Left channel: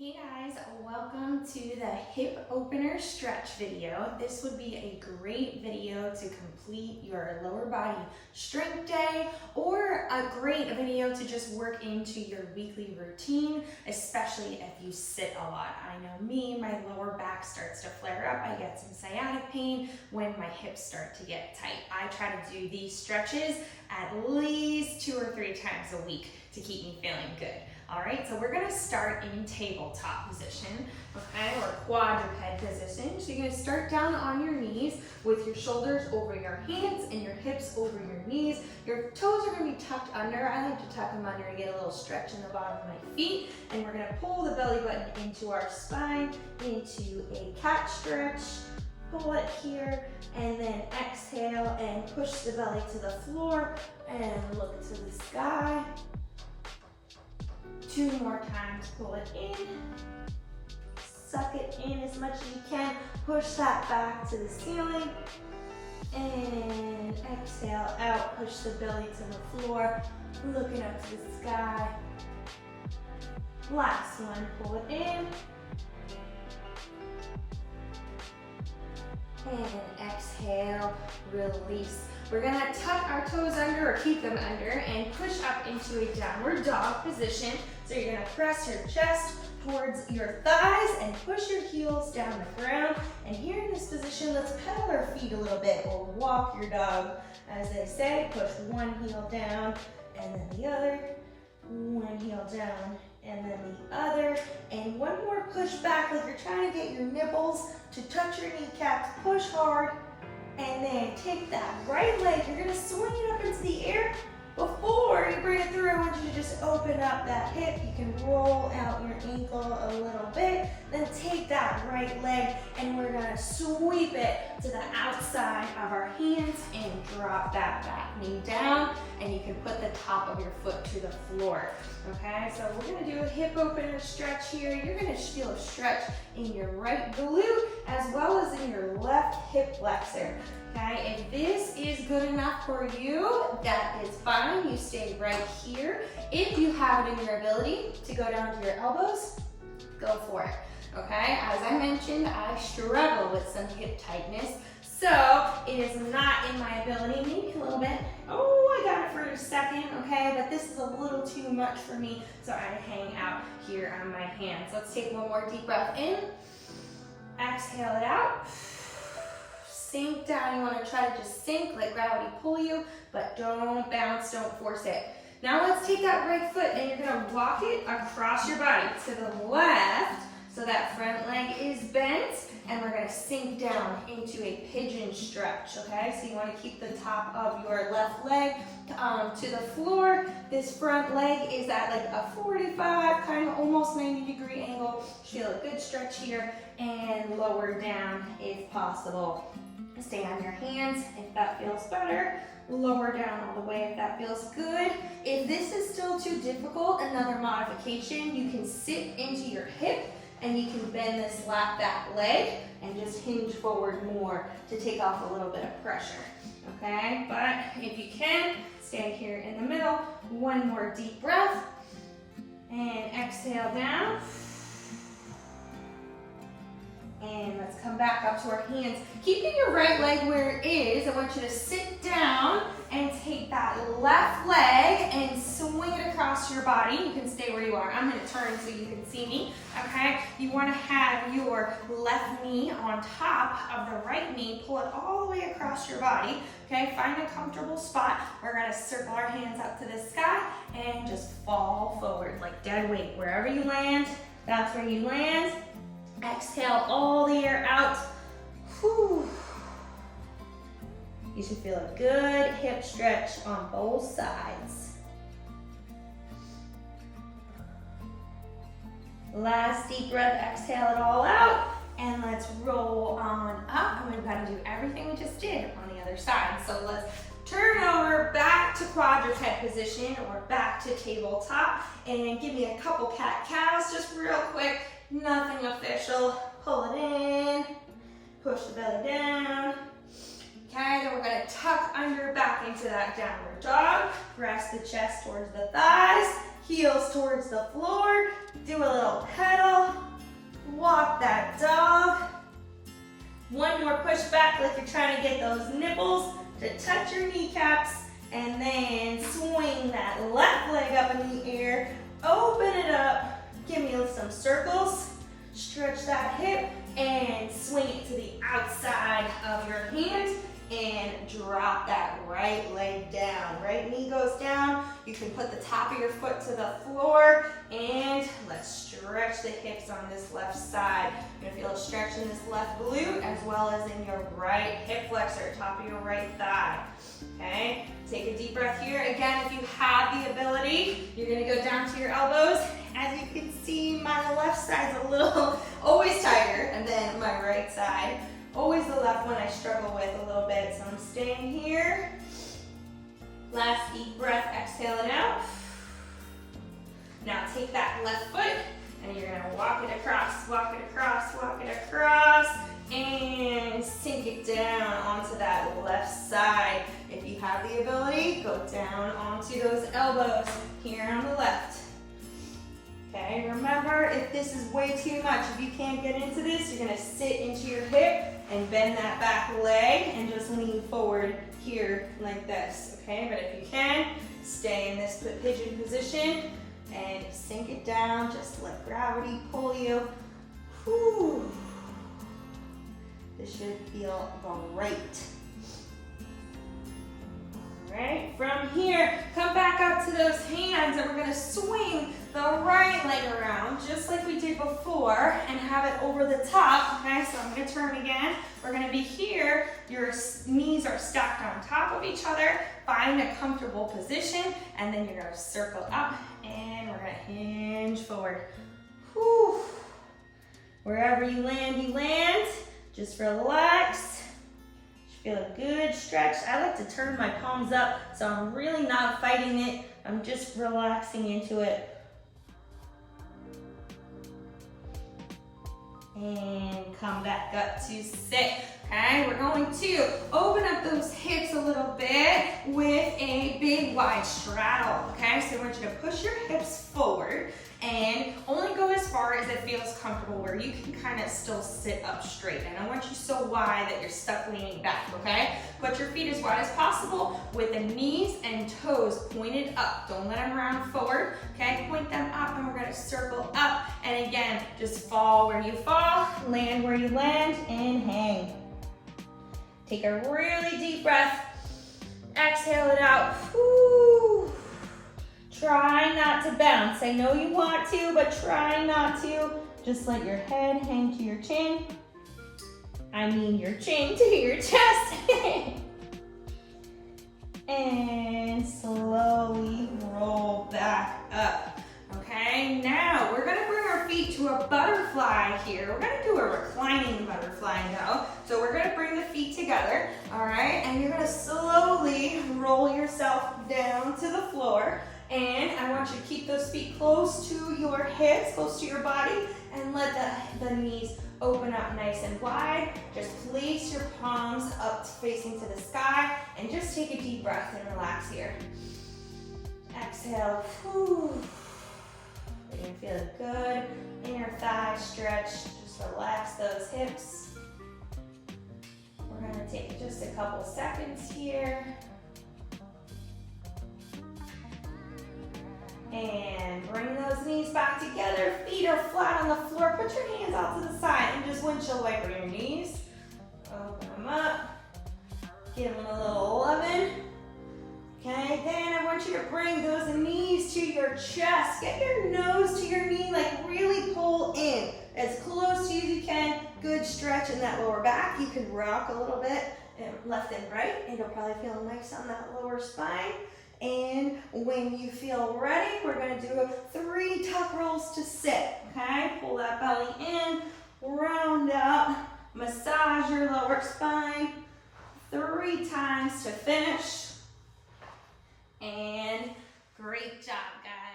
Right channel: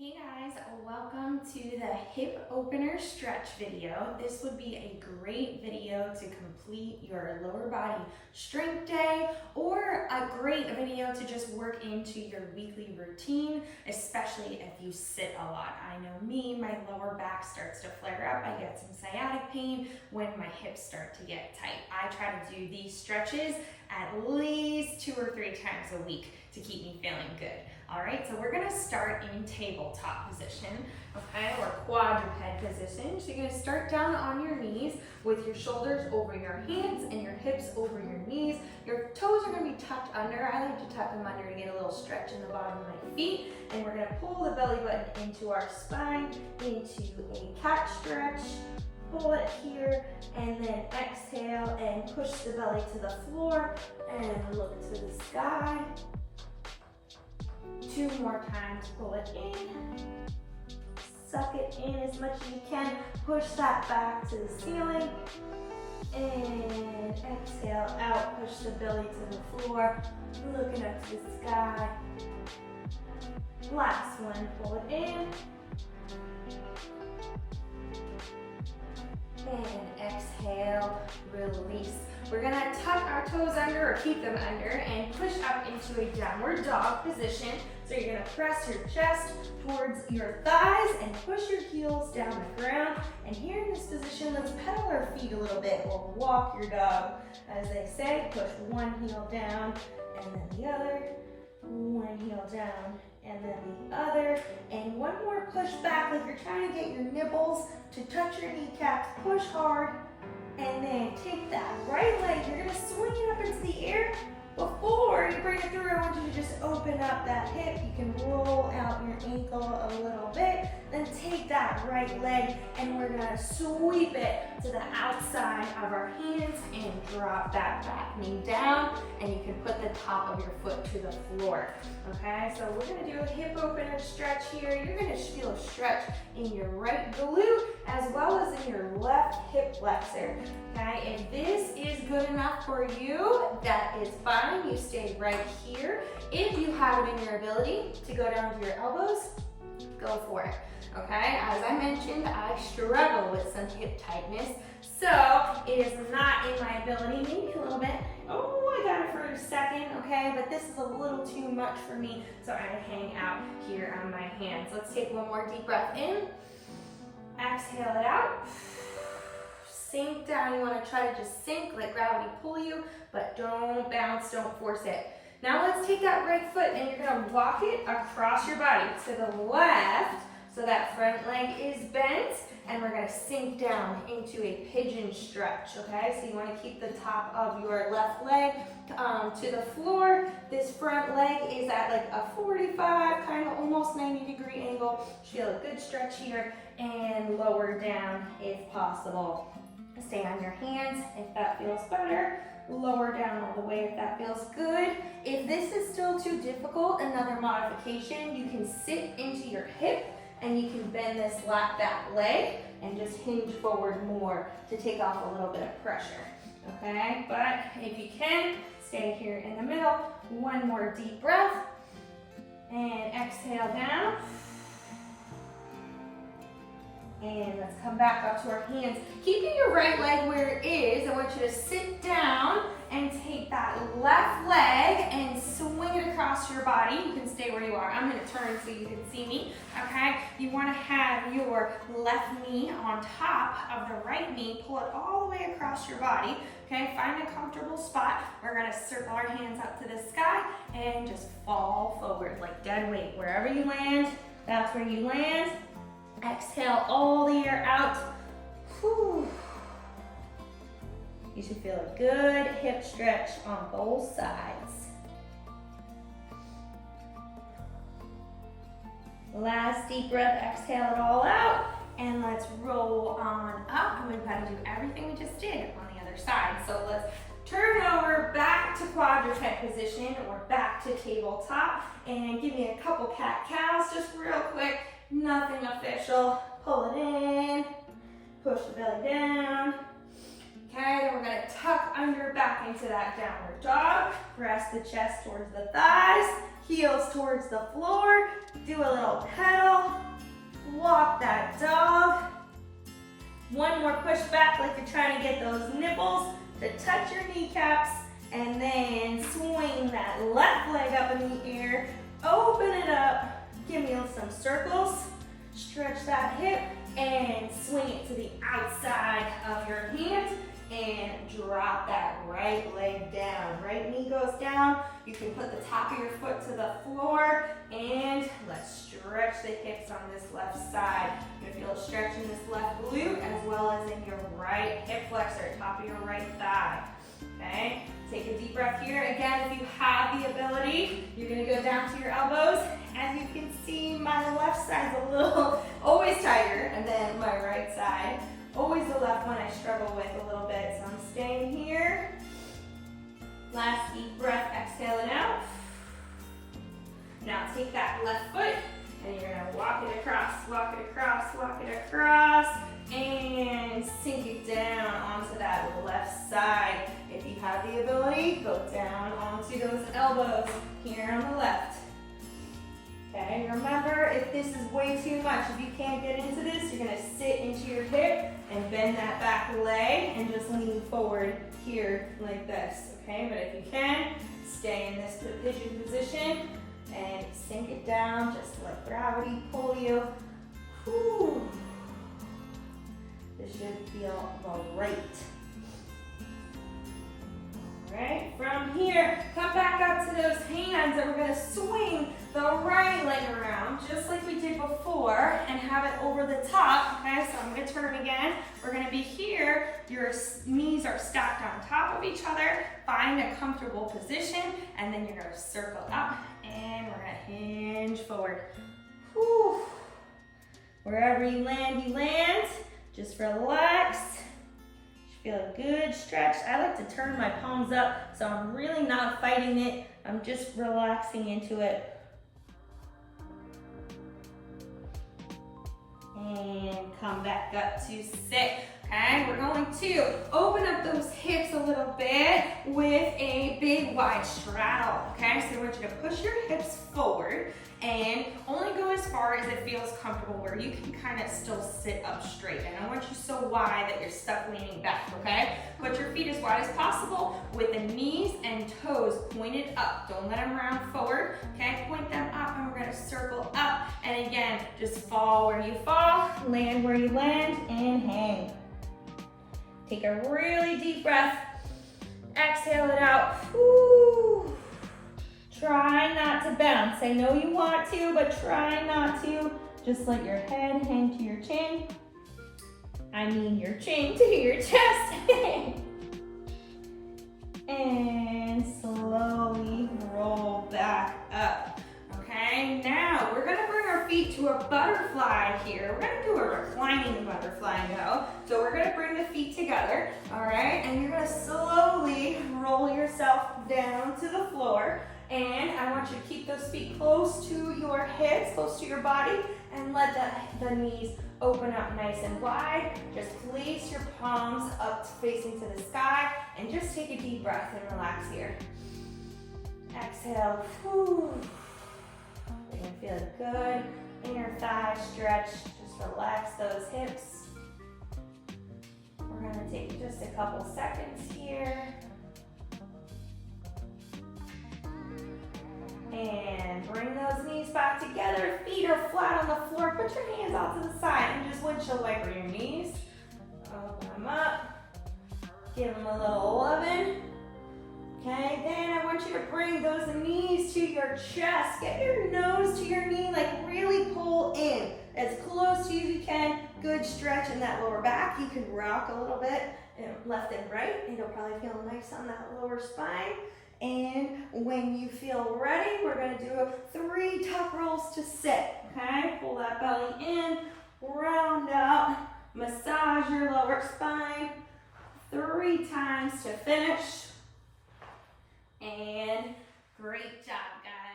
Hey guys, welcome to the hip opener stretch video. This would be a great video to complete your lower body strength day or a great video to just work into your weekly routine, especially if you sit a lot. I know me, my lower back starts to flare up. I get some sciatic pain when my hips start to get tight. I try to do these stretches at least 2 or 3 times a week to keep me feeling good. All right, so we're gonna start in tabletop position, okay, or quadruped position. So you're gonna start down on your knees with your shoulders over your hands and your hips over your knees. Your toes are gonna be tucked under. I like to tuck them under to get a little stretch in the bottom of my feet. And we're gonna pull the belly button into our spine, into a cat stretch. Pull it here, and then exhale and push the belly to the floor and look to the sky. 2 more times, pull it in, suck it in as much as you can, push that back to the ceiling, and exhale out, push the belly to the floor, looking up to the sky. Last one, pull it in, and exhale, release. We're gonna tuck our toes under or keep them under and push up into a downward dog position. So you're gonna press your chest towards your thighs and push your heels down the ground. And here in this position, let's pedal our feet a little bit or walk your dog. As they say, push one heel down and then the other, one heel down and then the other, and one more push back like you're trying to get your nipples to touch your kneecaps. Push hard, and then take that right leg. You're gonna swing it up into the air. Before you bring it through, I want you to just open up that hip. You can roll out your ankle a little bit, then take that right leg, and we're gonna sweep it to the outside of our hands and drop that back knee down, and you can put the top of your foot to the floor. Okay, so we're gonna do a hip opener stretch here. You're gonna feel a stretch in your right glute as well as in your left hip flexor. Okay, if this is good enough for you, that is fine. You stay right here. If you have it in your ability to go down to your elbows, go for it. Okay, as I mentioned, I struggle with some hip tightness, so it is not in my ability, maybe a little bit. Oh, I got it for a second, okay, but this is a little too much for me, so I hang out here on my hands. Let's take one more deep breath in, exhale it out. Sink down. You want to try to just sink, let gravity pull you, but don't bounce, don't force it. Now let's take that right foot and you're going to walk it across your body to the left so that front leg is bent, and we're going to sink down into a pigeon stretch, okay? So you want to keep the top of your left leg to the floor. This front leg is at like a 45, kind of almost 90-degree angle. Feel a good stretch here, and lower down if possible. Stay on your hands if that feels better. Lower down all the way if that feels good. If this is still too difficult, another modification, you can sit into your hip and you can bend this back leg and just hinge forward more to take off a little bit of pressure, okay? But if you can, stay here in the middle. One more deep breath and exhale down. And let's come back up to our hands. Keeping your right leg where it is, I want you to sit down and take that left leg and swing it across your body. You can stay where you are. I'm gonna turn so you can see me, okay? You wanna have your left knee on top of the right knee. Pull it all the way across your body, okay? Find a comfortable spot. We're gonna circle our hands up to the sky and just fall forward like dead weight. Wherever you land, that's where you land. Exhale all the air out. Whew. You should feel a good hip stretch on both sides. Last deep breath, exhale it all out, and let's roll on up. And we've got to do everything we just did on the other side. So let's turn over back to quadruped position or back to tabletop, and give me a couple cat-cows just real quick. Nothing official. Pull it in, push the belly down. Okay, then we're gonna tuck under back into that downward dog. Press the chest towards the thighs, heels towards the floor. Do a little pedal. Walk that dog. One more push back like you're trying to get those nipples to touch your kneecaps. And then swing that left leg up in the air. Open it up. Give me some circles. Stretch that hip and swing it to the outside of your hand. And drop that right leg down. Right knee goes down. You can put the top of your foot to the floor. And let's stretch the hips on this left side. You're gonna feel a stretch in this left glute as well as in your right hip flexor, top of your right thigh. Okay, take a deep breath here. Again, if you have the ability, you're gonna go down to your elbows. As you can see, my left side's a little, always tighter, and then my right side. Always the left one I struggle with a little bit, so I'm staying here. Last deep breath, exhale it out. Now take that left foot and you're gonna walk it across, walk it across, walk it across, and sink it down onto that left side. If you have the ability, go down onto those elbows here on the left. Okay, remember, if this is way too much, if you can't get into this, you're gonna sit into your hip and bend that back leg and just lean forward here like this, okay? But if you can, stay in this pigeon position and sink it down, just let gravity pull you. Whew. This should feel great. All right, from here, come back up to those hands and we're gonna swing the right leg around just like we did before and have it over the top, okay? So I'm gonna turn again. We're gonna be here, your knees are stacked on top of each other. Find a comfortable position and then you're gonna circle up and we're gonna hinge forward. Whew. Wherever you land. Just relax. Feel a good stretch. I like to turn my palms up, so I'm really not fighting it. I'm just relaxing into it. And come back up to sit. Okay, we're going to open up those hips a little bit with a big wide straddle. Okay, so I want you to push your hips forward and only go as far as it feels comfortable where you can kind of still sit up straight. I don't want you so wide that you're stuck leaning back, okay? Put your feet as wide as possible with the knees and toes pointed up. Don't let them round forward, okay? Point them up and we're gonna circle up. And again, just fall where you fall, land where you land, and hang. Take a really deep breath. Exhale it out. Whew. Try not to bounce. I know you want to, but try not to. Just let your head hang to your chin. I mean your chin to your chest. And slowly roll back up. Okay, now we're gonna bring our feet to a butterfly here. We're gonna do a reclining butterfly now. So we're gonna bring the feet together, all right? And you're gonna slowly roll yourself down to the floor. And I want you to keep those feet close to your hips, close to your body, and let the knees open up nice and wide. Just place your palms up facing to the sky and just take a deep breath and relax here. Exhale. Whew. You're gonna feel good in your thighs stretch. Just relax those hips. We're gonna take just a couple seconds here. And bring those knees back together. Feet are flat on the floor. Put your hands out to the side and just windshield wiper your knees. Open them up. Give them a little loving. Okay, then I want you to bring those knees to your chest. Get your nose to your knee, like really pull in as close as you can. Good stretch in that lower back. You can rock a little bit left and right. It'll probably feel nice on that lower spine. And when you feel ready, we're gonna do 3 tuck rolls to sit, okay? Pull that belly in, round up, massage your lower spine, 3 times to finish. And great job, guys.